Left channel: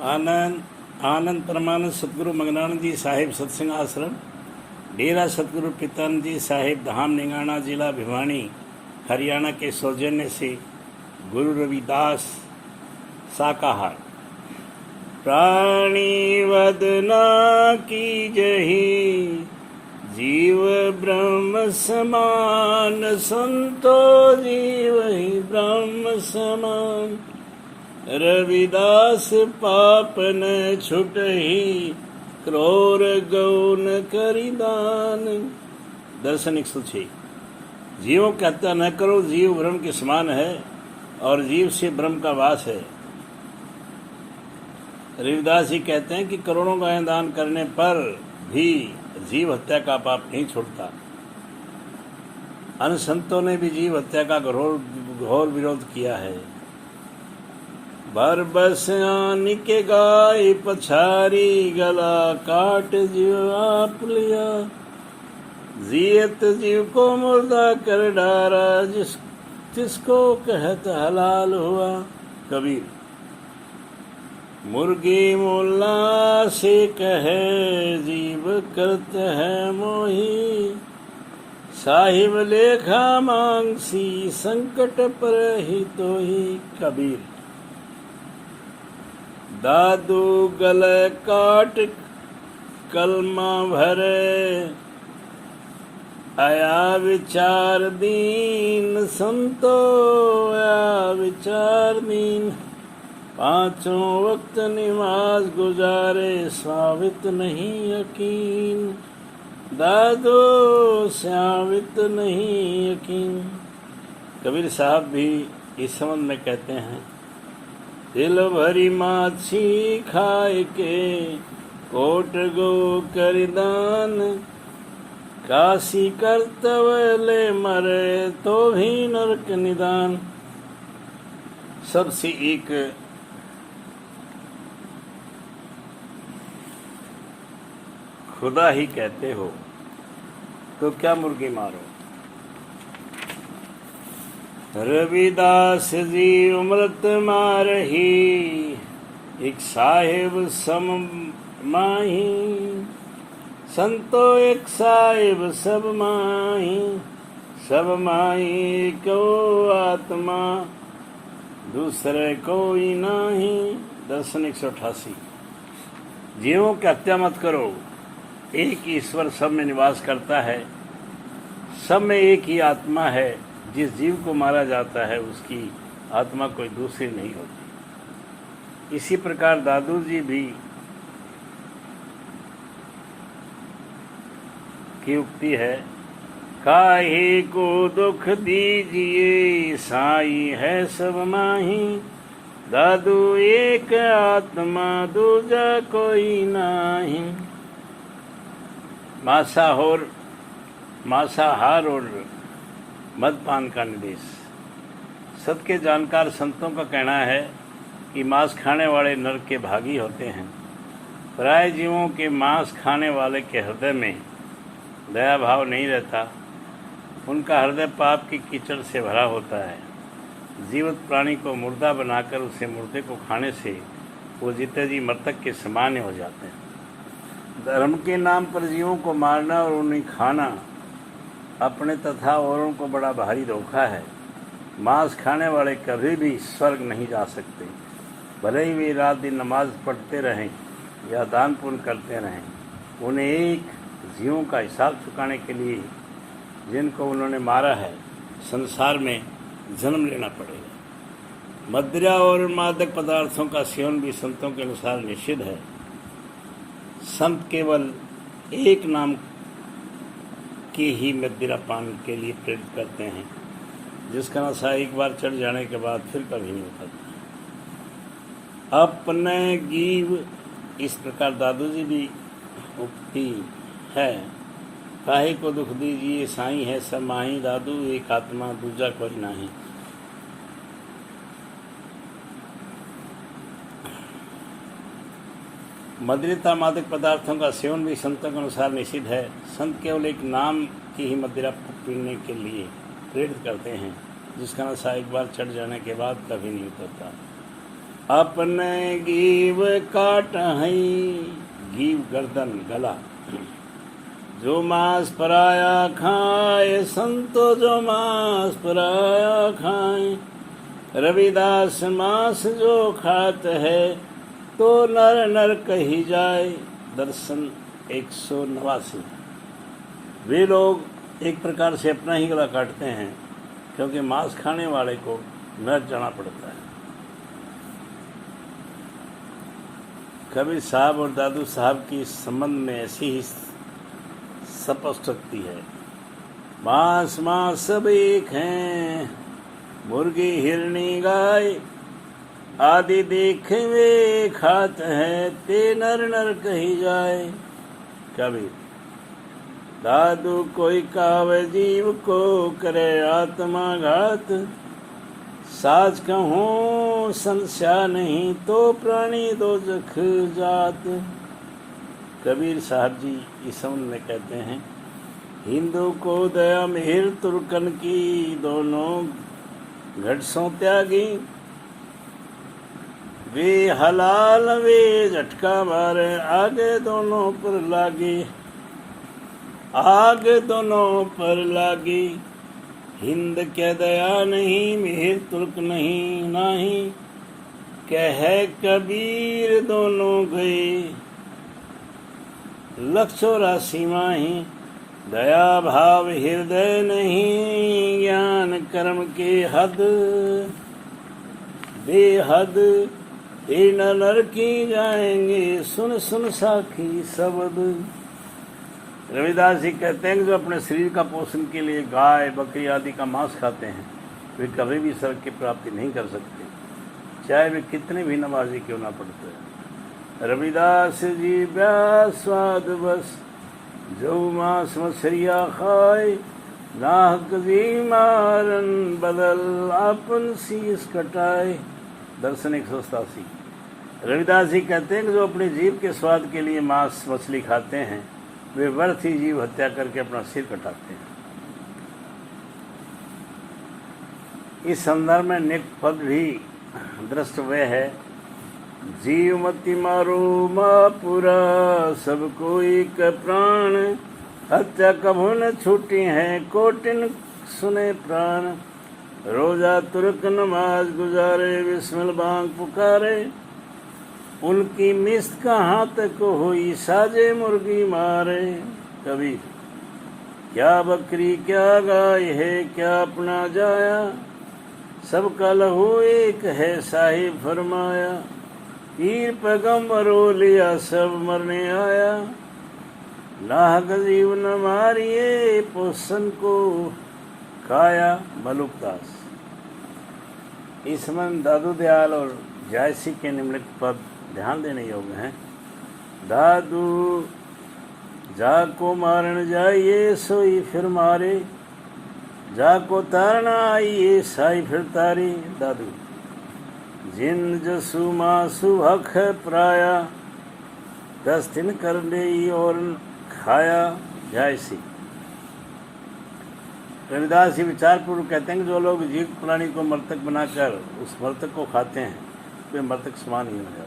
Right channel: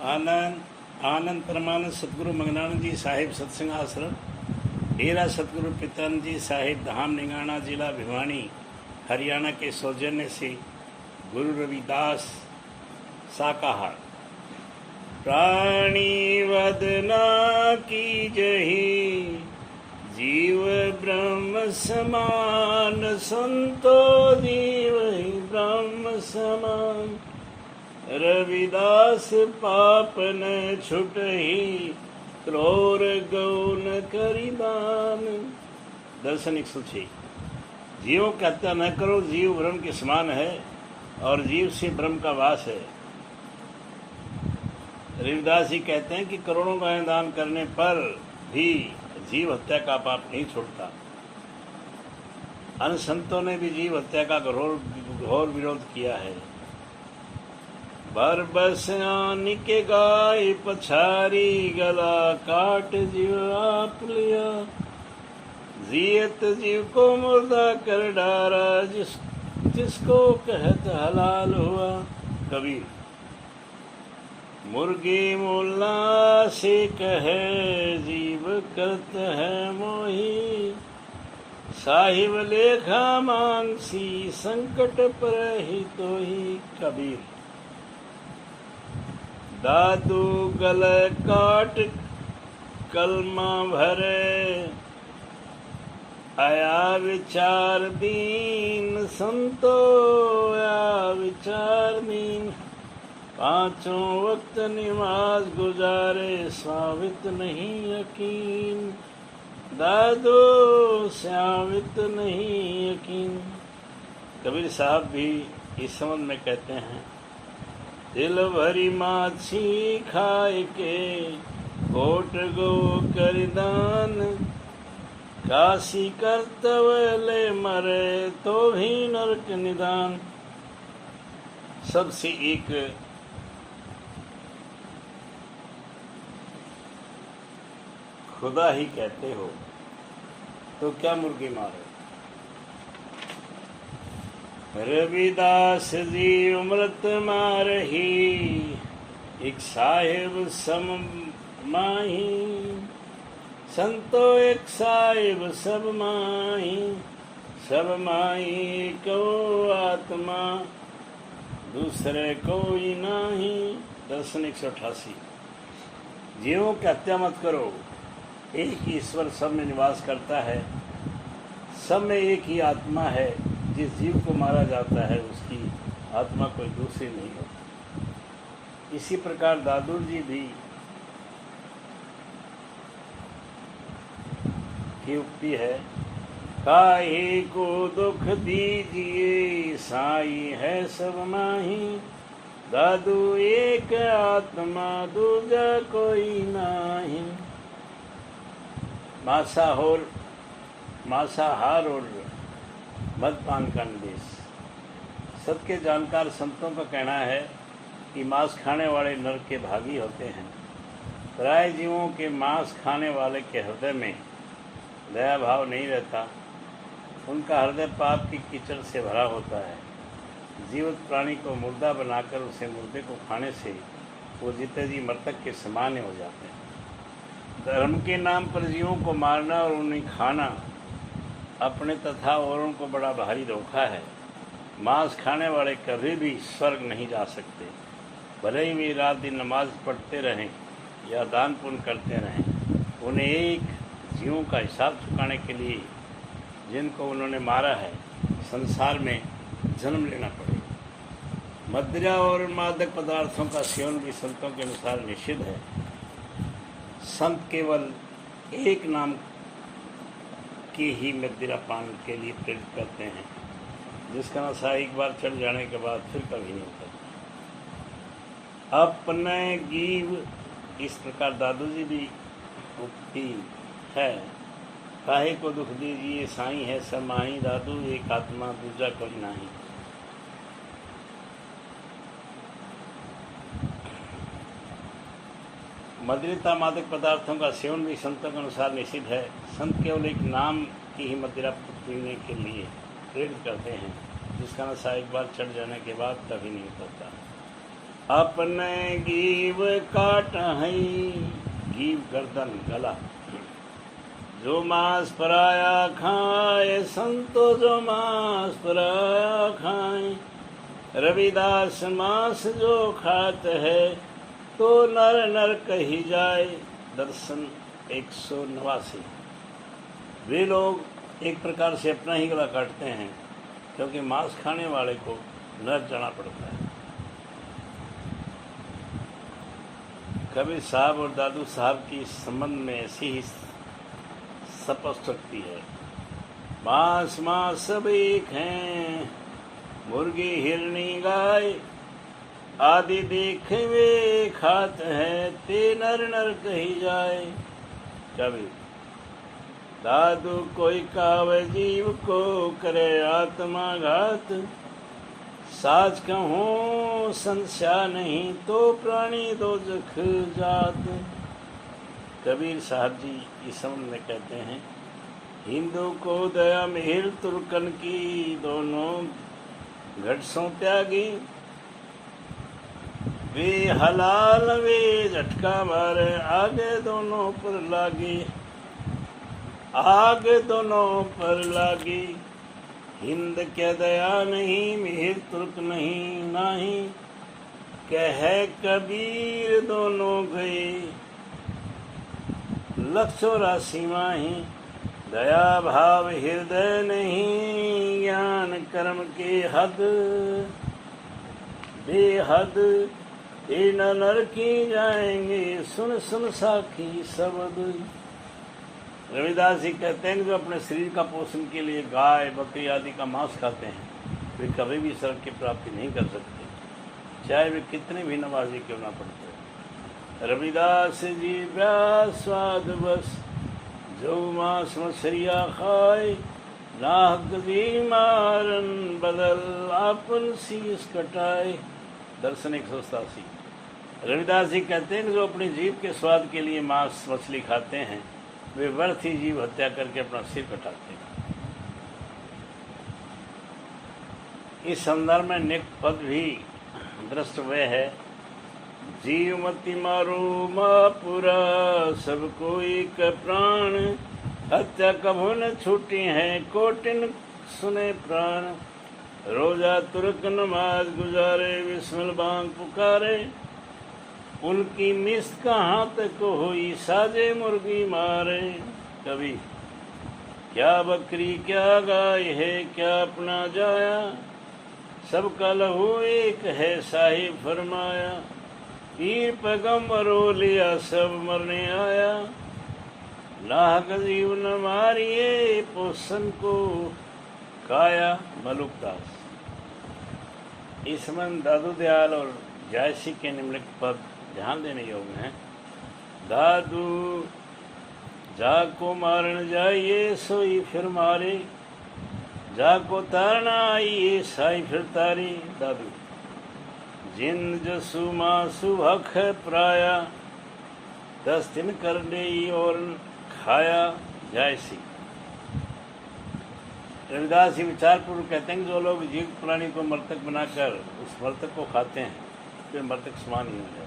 आनंद परमानंद सतगुरु मंगनानंद जी साहिब सत्संग आश्रम, डेरा सतगुरु पितानंद जी साहिब धाम निंगाना, जिला भिवानी, हरियाणा के सौजन्य से गुरु रविदास शाकाहार। प्राणी वदना की जही, जीव ब्रह्म समान, संतो जीव ही ब्रह्म समान। रविदास पाप न छुटहि, क्रोर गौन करिदान। दर्शन 106। जीवों की हत्या न करो, जीव ब्रह्म के समान है और जीव से ब्रह्म का वास है। रविदास जी कहते हैं कि करोड़ों गायें दान करने पर भी जीव हत्या का पाप नहीं छोड़ता। अन्य संतों ने भी जीव हत्या का घोर विरोध किया है। बरबस आन के गाय पछारी, गला काट जीव आप लिया। जियत जीव को मुर्दा कर डारा, जिसको कहत हलाल हुआ। कबीर। मुर्गी मुल्ला से कहे, जीव करत है मोही। साहिब लेखा मांगसी, संकट पर ही तो ही। कबीर। दादू गले काट कलमा भरे, आया विचार दीन। संतो आया विचार दीन। पांचों वक्त नमाज गुजारे, साबित नहीं यकीन। दादो साबित नहीं यकीन। कबीर साहब भी इस संबंध में कहते हैं, दिल भरी माछी खाए के, कोट गो करिदान। काशी कर्तव्य मरे, तो भी नरक निदान। सबसे एक खुदा ही कहते हो तो क्या मुर्गी मारो। रविदास जी अमृत मारही, एक साहिब सम माही। संतो एक साहिब सब माही, सब माही को आत्मा, दूसरे कोई नहीं। दर्शन 188। जीवों की हत्या मत करो, एक ही ईश्वर सब में निवास करता है। सब में एक ही आत्मा है। जिस जीव को मारा जाता है उसकी आत्मा कोई दूसरी नहीं होती। इसी प्रकार दादू जी भी की उक्ति है, काहे को दुख दीजिए, साई है सब माही। दादू एक आत्मा, दूजा कोई नाही। मांसाहार और मदपान का निर्देश। सत के जानकार संतों का कहना है कि मांस खाने वाले नरक के भागी होते हैं। पराये जीवों के मांस खाने वाले के हृदय में दया भाव नहीं रहता। उनका हृदय पाप की कीचड़ से भरा होता है। जीवित प्राणी को मुर्दा बनाकर उसे मुर्दे को खाने से वो जीते जी मृतक के समान हो जाते हैं। धर्म के नाम पर जीवों को मारना और उन्हें खाना अपने तथा औरों को बड़ा भारी धोखा है। मांस खाने वाले कभी भी स्वर्ग नहीं जा सकते, भले ही वे रात दिन नमाज पढ़ते रहें या दान पुण्य करते रहें। उन्हें एक जीवों का हिसाब चुकाने के लिए जिनको उन्होंने मारा है, संसार में जन्म लेना पड़ेगा। मदिरा और मादक पदार्थों का सेवन भी संतों के अनुसार निषिद्ध है। संत केवल एक नाम की ही मदिरा पान के लिए प्रेरित करते हैं, जिसका नशा एक बार चढ़ जाने के बाद फिर कभी नहीं उतरता। अपने गीव, इस प्रकार दादू जी भी उक्ति है, काहे को दुख दीजिए, साईं है सब माही। दादू एक आत्मा, दूजा कोई नाही। मदिरा मादक पदार्थों का सेवन भी संतों के अनुसार निषिद्ध है। संत केवल एक नाम की ही मदिरा पीने के लिए प्रेरित करते हैं, जिसका नशा एक बार चढ़ जाने के बाद कभी नहीं उतरता। अपने गीव काट हई, गीव गर्दन गला, जो मांस पराया खाए, संतो जो मांस पराया खाए। रविदास मांस जो खात है, तो नर नर कही जाए। दर्शन 189। वे लोग एक प्रकार से अपना ही गला काटते हैं, क्योंकि मांस खाने वाले को नर जाना पड़ता है। कबीर साहब और दादू साहब की संबंध में ऐसी ही स्पष्टोक्ति है। मांस मांस सब एक हैं, मुर्गी हिरनी गाय आदि देखे वे खात है, ते नर नर कही जाए। कबीर दादू कोई कावे जीव को, करे आत्मा घात। साज कहूँ संस्या नहीं, तो प्राणी दो जख जात। कबीर साहब जी इस संबंध में कहते हैं, हिंदू को दया मिहिर तुर्कन की, दोनों घटसों त्यागी। वे हलाल वे झटका मारे, आगे दोनों पर लागी, आगे दोनों पर लागी। हिंद क्या दया नहीं, मिहिर तुर्क नहीं नाही। कह कबीर दोनों गए, 184 माही। दया भाव हृदय नहीं, ज्ञान कर्म के हद बेहद। ये नर की जाएंगे, सुन सुन साखी शब्द। रविदास जी कहते हैं, जो अपने शरीर का पोषण के लिए गाय बकरी आदि का मांस खाते हैं, वे कभी भी स्वर्ग की प्राप्ति नहीं कर सकते, चाहे वे कितने भी नमाजी क्यों ना पढ़ते। रविदास जी व्यास स्वाद बस, जो मांस मछरिया खाए, नाहक जी मारन बदल, आपन शीश कटाए। दर्शन 187। रविदास जी कहते हैं कि जो अपने जीव के स्वाद के लिए मांस मछली खाते हैं, वे व्यर्थ ही जीव हत्या करके अपना सिर कटाते हैं। इस संदर्भ में नेक पद भी दृष्ट हुए है, जीव मति मारो मापुरा, सब कोई के प्राण। हत्या कभू न छूटी है, कोटिन सुने प्राण। रोजा तुर्क नमाज गुजारे, बिस्मिल बांग पुकारे। उनकी मिस्त कहाँ तक हुई, साजे मुर्गी मारे। कभी क्या बकरी क्या गाय है, क्या अपना जाया। सबका लहू एक है, साहिब फरमाया। पीर पैगम्बरो लिया, सब मरने आया। नाहक जीव न मारिए, पोषण को खाया। मलुकदास। इसमें दादू दयाल और जायसी के निम्नलिखित पद ध्यान देने योग्य हैं। दादू जाको मारन जाइए, सोई फिर मारे। जाको तारना आइए, साई फिर तारे। दादू जिन जसु मासु हक प्राया, 10 दिन कर ले और खाया। जायसी। रविदास जी विचारपूर्वक कहते हैं कि जो लोग जीवित प्राणी को मृतक बनाकर उस मृतक को खाते हैं, वे मृतक समान नहीं होता।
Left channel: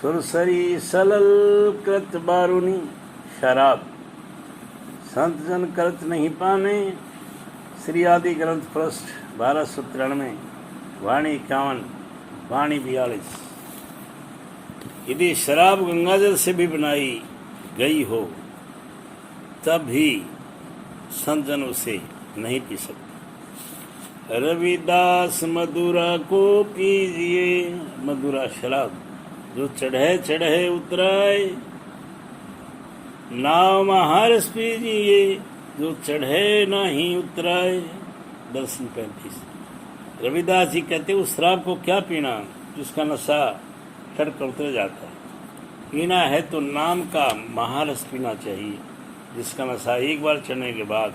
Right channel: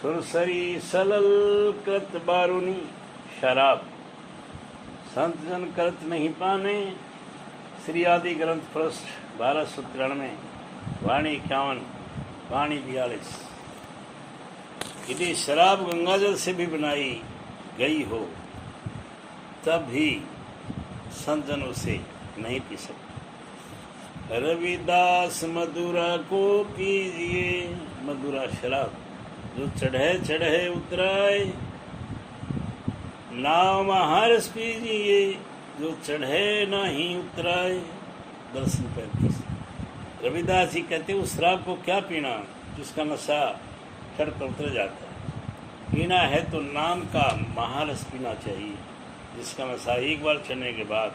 सुरसरी सलल कृत बारूनी, शराब संत जन कृत नहीं पाने। श्री आदि ग्रंथ पृष्ठ 1293, वाणी 51, वाणी 42। यदि शराब गंगाजल से भी बनाई गई हो, तब भी संत जन उसे नहीं पी सकते। रविदास मधुरा को पीजिए, मधुरा शराब जो चढ़े चढ़े उतराए। नाव महारस पीजिए, जो चढ़े नहीं उतराए। दर्शन 35। रविदास जी कहते उस शराब को क्या पीना जिसका नशा चढ़ कर उतर जाता है। पीना है तो नाम का महारस पीना चाहिए, जिसका नशा एक बार चढ़ने के बाद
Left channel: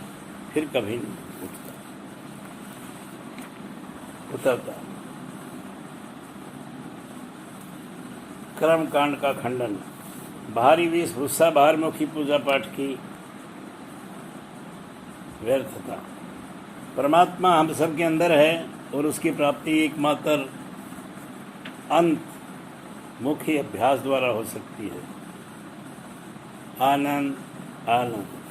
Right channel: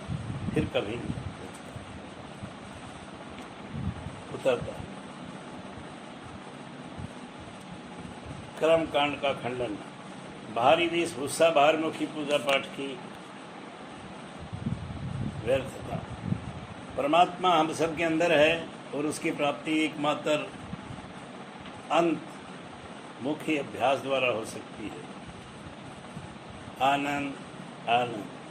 फिर कभी नहीं उतरता। कर्म कांड का खंडन। बाहरी वेशभूषा, बाहरमुखी पूजा पाठ की व्यर्थता। परमात्मा हम सब के अंदर है और उसकी प्राप्ति एकमात्र अंत मुख्य अभ्यास द्वारा हो सकती है। आनंद आनंद।